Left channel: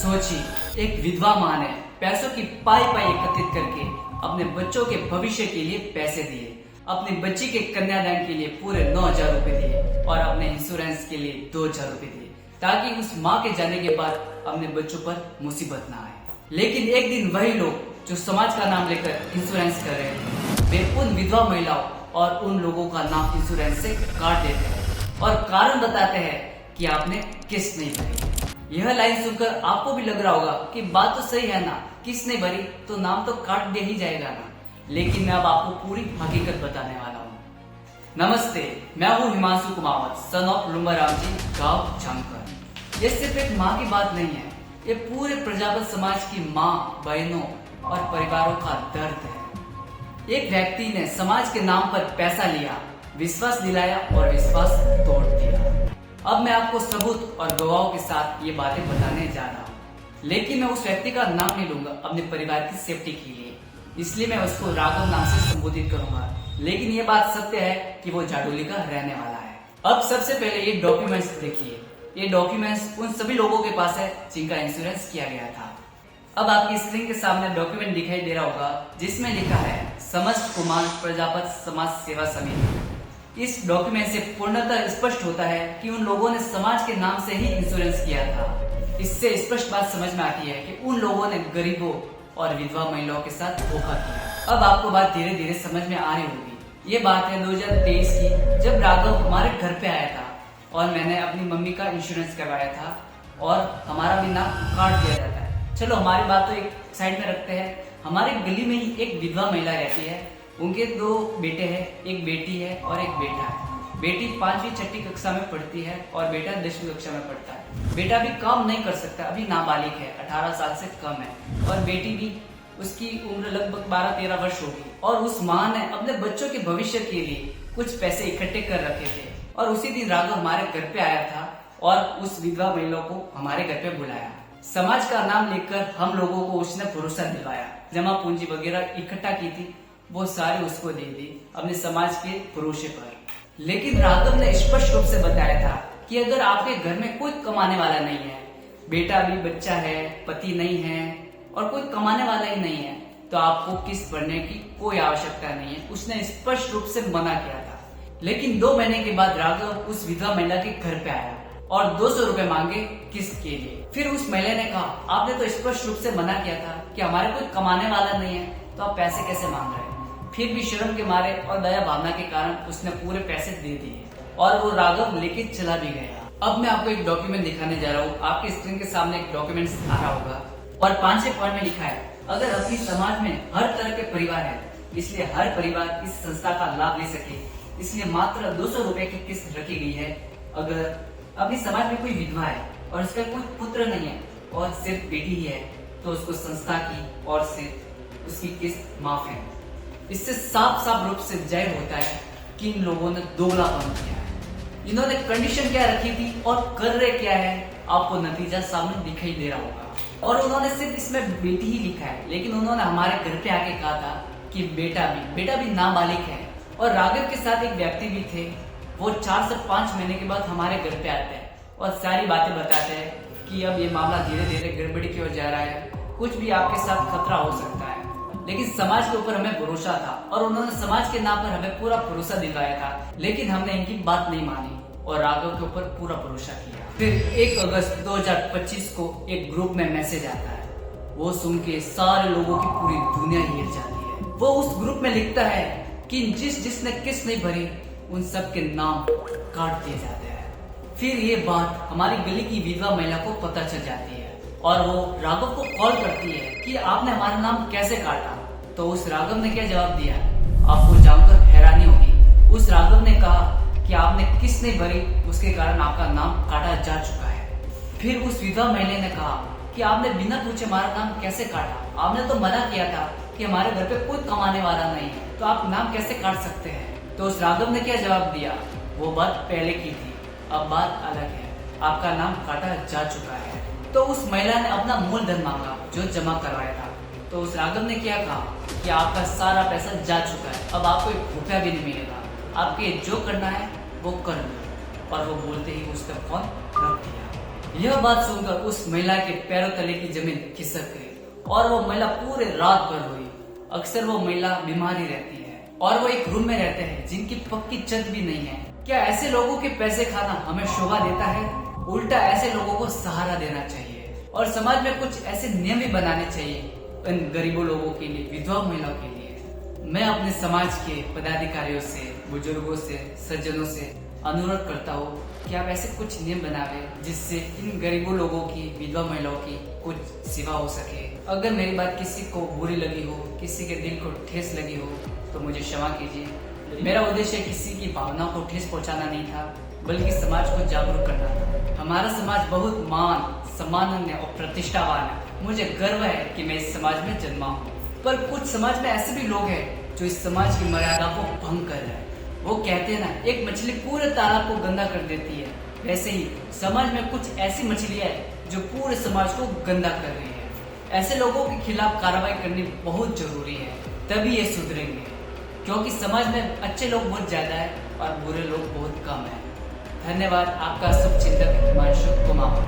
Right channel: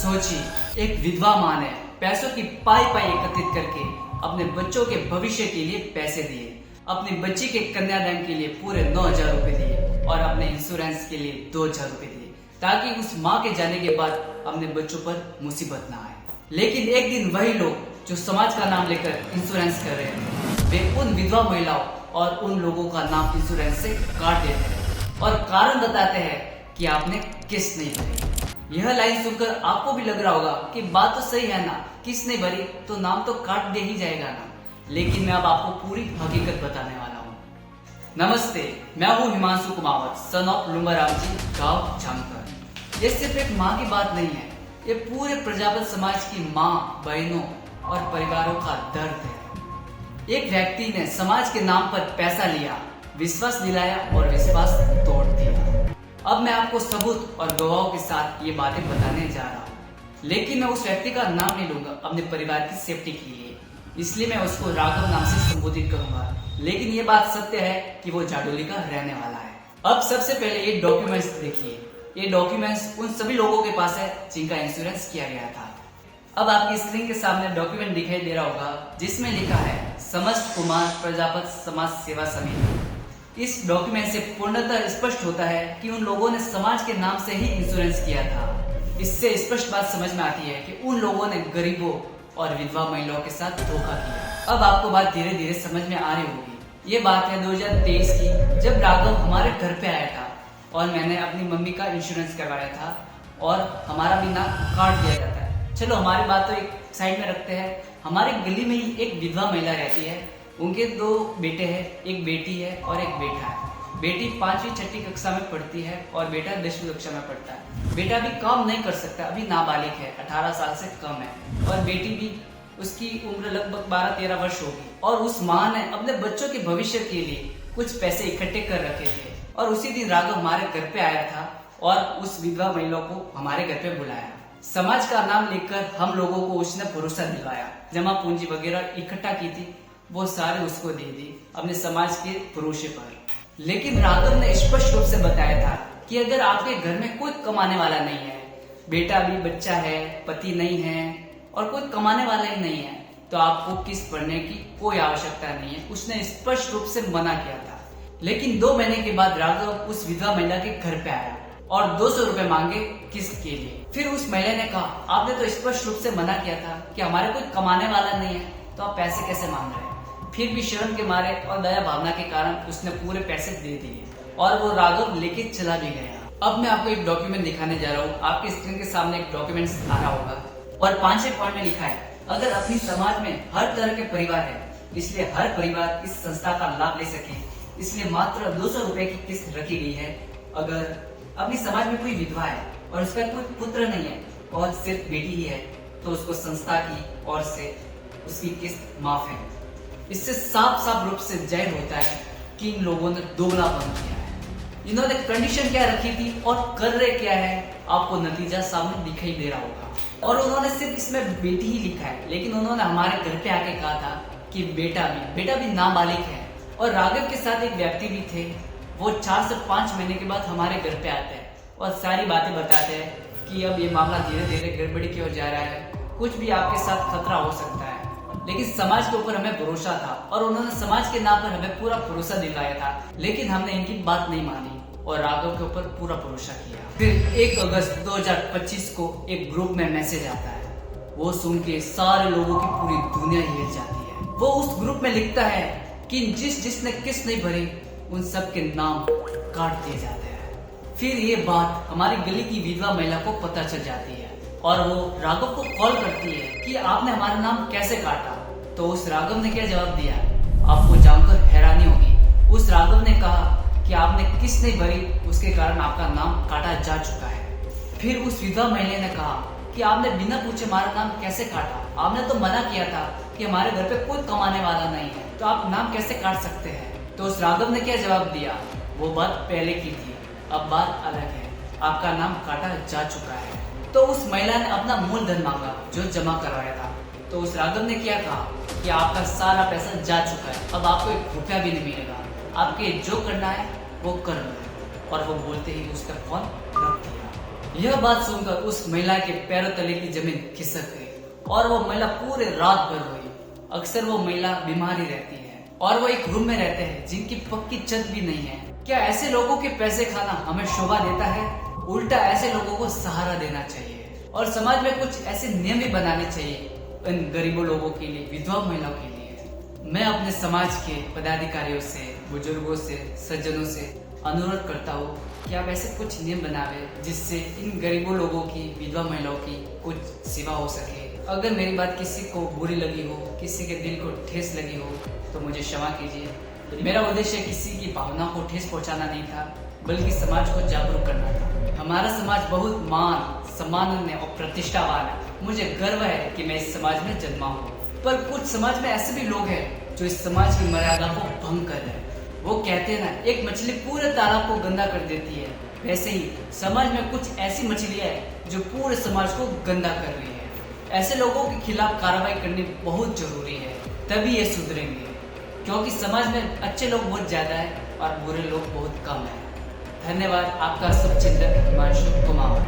सोचिए, एक विधवा माँ ने पैसों की पाई पाई एकत्रित करके अपने बच्चों के भविष्य के लिए पैसे दिए, अपनी बच्ची के कन्यादान के लिए पूरे 9,000 रुपए दिए और अपने इंश्योरेंस के लिए 2,000 रुपए दिए, ताकि उस माँ के जाने के बाद अपने बच्चों पर मुसीबत ना आए। लेकिन एक दिन वही लोग जो समाज का नाम लेकर इंश्योरेंस कर रहे थे, वे उन विधवा महिलाओं और उन लोगों का नाम इंश्योरेंस से काट देते हैं और कारण बताते हैं कि आपने किस्त नहीं भरी। यह लाइन सुनकर आपको भी लग रहा होगा कि बात तो सही है ना, किस्त नहीं भरी तो नाम तो काट दे ही जाएगा ना। लेकिन मैं अब आपको पूरी हकीकत बताने वाला हूँ। नमस्ते, मैं हूँ हिमांशु कुमावत, सन ऑफ लुम्बाराव जी, गाँव झांकर। ये सिर्फ एक माँ की बात नहीं है, ये पूरे प्रजापत समाज की माँ, बहनों और परिवारों का दर्द है। एक व्यक्ति ने समाज के नाम पर पैसा लिया, विश्वास दिलाया और विश्वास तोड़ दिया। अब मैं आपको सबूत और गवाहों के साथ ये बातें बताने जा रहा हूँ, लेकिन मैं उस व्यक्ति का नाम नहीं लूंगा अपने परिवार की सेफ्टी के लिए, इसलिए मैं उसको राघव नाम से संबोधित करूंगा। लेकिन ये बात सत्य है कि वो जाडोली का रहने वाला है। अब सबसे पहले ये डॉक्यूमेंट्स देखिए। ये डॉक्यूमेंट्स उन सभी लोगों के पास है जिनका इंश्योरेंस किया गया था। अब आपकी स्क्रीन के सामने डॉक्यूमेंट दिखाई दे रहा होगा, जिसमें लिखा है समस्त कुमार प्रजापत समाज सेवा समिति। इस डॉक्यूमेंट से पूर्णतः स्पष्ट होता है कि उन लोगों ने समाज के नाम से ही इंश्योरेंस किया था। इससे स्पष्ट बात समझ में आती है कि उन लोगों ने गरीबों और विधवा महिलाओं के साथ धोखा किया। अब आपको बात धीरे धीरे समझ में आ रही होगी। ये बात है 2023 की, जब राघव हमारे घर पे आया था और मैंने अपनी मम्मी का इंश्योरेंस करवाया था और हमारा भी नाम काट दिया जाता है। चलो हमारी बात तो एक साइड में रखते हैं। हमारी गली में ही एक विधवा महिला रहती है, उनके 2 बेटे हैं, एक बेटी है और एक बेटा है। बेटी 5वीं 6वीं कक्षा में पढ़ती है और बेटा 10वीं कक्षा में पढ़ता है। बेटा भी काम नहीं कर सकता, अभी नाबालिग है, 18 साल से कम है, और बेटी भी, उसकी उम्र लगभग 12-13 वर्ष होगी। और उस माँ ने अपने बच्चों के भविष्य के लिए कुछ पैसे इकट्ठे कर रखे थे और उसी दिन राघव हमारे घर पे आया था और उस विधवा महिला को हमारे घर पे बुलाया। समाज का नाम लेकर हम लोगों को उसने भरोसा दिलवाया, जमा पूंजी वगैरह इकट्ठा की थी, वो सारे उसको दे दी अपने समाज के भरोसे पर। लेकिन राघव ने स्पष्ट रूप से बताया था कि अगर आपके घर में कोई कमाने वाला नहीं है, बेटा भी बच्चा है, पति नहीं है और कोई कमाने वाला ही नहीं है, तो आपको किस्त भरने की कोई आवश्यकता नहीं है। उसने स्पष्ट रूप से मना किया था। लेकिन 2 महीने के बाद राघव उस विधवा महिला के घर पे आया और 200 रुपए मांगे किस्त के लिए। फिर उस महिला ने कहा, आपने तो स्पष्ट रूप से मना किया था कि हमारे कोई कमाने वाला नहीं है, तो आप पैसे कैसे मांग रहे हैं। फिर भी शर्म के मारे और दया भावना के कारण उसने पूरे पैसे दे दिए और वो राघव लेके चला भी गया। अब मैं आपको एक डॉक्यूमेंट दिखाने जा रहा हूँ। आपके स्क्रीन के सामने एक डॉक्यूमेंट आ रहा होगा और 5 पॉइंट में लिखा है, अगर अपनी समाज में हर तरह के परिवार है, इसलिए हर परिवार इस संस्था का लाभ ले सके, इसलिए मात्र 200 रुपए की किस्त रखी गई है। अगर अपनी समाज में कोई विधवा है और उसका कोई पुत्र नहीं है और सिर्फ बेटी ही है, तो उसको संस्था की ओर से उसकी किस्त माफ है। इससे साफ साफ रूप से जाहिर होता है कि इन लोगों ने दोगलापन किया है। इन्होंने कंडीशन क्या रखी थी और कर रहे क्या है, आपको नतीजा सामने दिखाई दे रहा होगा। और उन्होंने सिर्फ इसमें बेटी ही लिखा है, लेकिन उन्होंने हमारे घर पे आके कहा था कि बेटा भी नाबालिग है। और राघव के साथ एक व्यक्ति भी थे, वो 4 से 5 महीने के बाद हमारे घर पे आते हैं और सारी बातें बताते हैं कि अब ये मामला धीरे धीरे गड़बड़ी की ओर जा रहा है, कुछ भी आपके साथ खतरा हो सकता है। लेकिन समाज के ऊपर हमें भरोसा था और उन्होंने समाज के नाम पर हमें पूरा भरोसा दिलवाया था, लेकिन हमने इनकी बात नहीं मानी और राघव के ऊपर पूरा भरोसा किया। फिर 1 अगस्त 2025 को एक ग्रुप में मैसेज आता है, वो सुन के सारे लोगों की पूरी दुनिया हिल जाती है। वो उस ग्रुप में लिखता है कि जिसने किस्त नहीं भरी उन सब के नाम काट दिए जाते हैं। फिर ये बात हमारी गली की विधवा महिला को पता चल जाती है और वो राघव को कॉल करती है कि आपने हमारा नाम कैसे काटा। तो उस राघव ने क्या जवाब दिया, आपको जानकर हैरानी होगी। उस राघव ने कहा कि आपने किस्त नहीं भरी, उसके कारण आपका नाम काटा जा चुका है। फिर उस विधवा महिला ने कहा कि आपने बिना पूछे हमारा नाम कैसे काटा, आपने तो मना किया था कि हमारे घर पे कोई कमाने वाला नहीं है, तो आप नाम कैसे काट सकते हैं। तो उस राघव ने क्या जवाब दिया, वो बात पहले की थी, अब बात अलग है, आपका नाम काटा जा चुका है। तो उस महिला ने अपना मूलधन मांगा जो जमा करवाया था। तो उस राघव ने क्या कहा कि आपका सारा पैसा जा चुका है, अब आपको 1 रुपया भी नहीं मिलेगा, आपके जो करना है वो कर लो। और वो बोलते ही उसने फोन रख दिया। यह बात सुनकर उस महिला के पैरों तले की जमीन खिसक गई और वो महिला पूरे रात भर रोई। अक्सर वो महिला बीमार ही रहती है और वो एक रूम में रहते हैं जिनकी पक्की छत भी नहीं है। क्या ऐसे लोगों के पैसे खाना हमें शोभा देता है? उल्टा ऐसे लोगों को सहारा देना चाहिए और समाज में कुछ ऐसे नियम भी बनाने चाहिए इन गरीबों लोगों के लिए, विधवा महिलाओं के लिए। मैं अपने समाज के पदाधिकारियों से, बुजुर्गों से, सज्जनों से अनुरोध करता हूँ कि आप ऐसे कुछ नियम बनावे जिससे इन गरीबों लोगों की, विधवा महिलाओं की कुछ सेवा हो सके। अगर मेरी बात किसी को बुरी लगी हो, किसी के दिल को ठेस लगी हो तो मुझे क्षमा कीजिए। मेरा उद्देश्य किसी की भावना को ठेस पहुंचाना नहीं था, बल्कि समाज को जागरूक करना था। हमारा समाज बहुत मान, सम्माननीय और प्रतिष्ठावान है। मुझे गर्व है कि मैं इस समाज में जन्मा हूँ। पर कुछ समाज में ऐसे भी लोग हैं जो इस समाज की मर्यादा को भंग कर रहे हैं। वो कहते हैं ना, एक मछली पूरे तालाब को गंदा कर देती है, वैसे ही समाज में कुछ ऐसी मछलियां हैं जो पूरे समाज को गंदा कर रही है। ऐसे लोगों के खिलाफ कार्रवाई करनी बहुत जरूरी है, तभी ये सुधरेंगे। क्योंकि समाज में अच्छे लोग बहुत ज्यादा है और बुरे लोग बहुत कम है। धन्यवाद। आपका शुभचिंतक हिमांशु कुमार।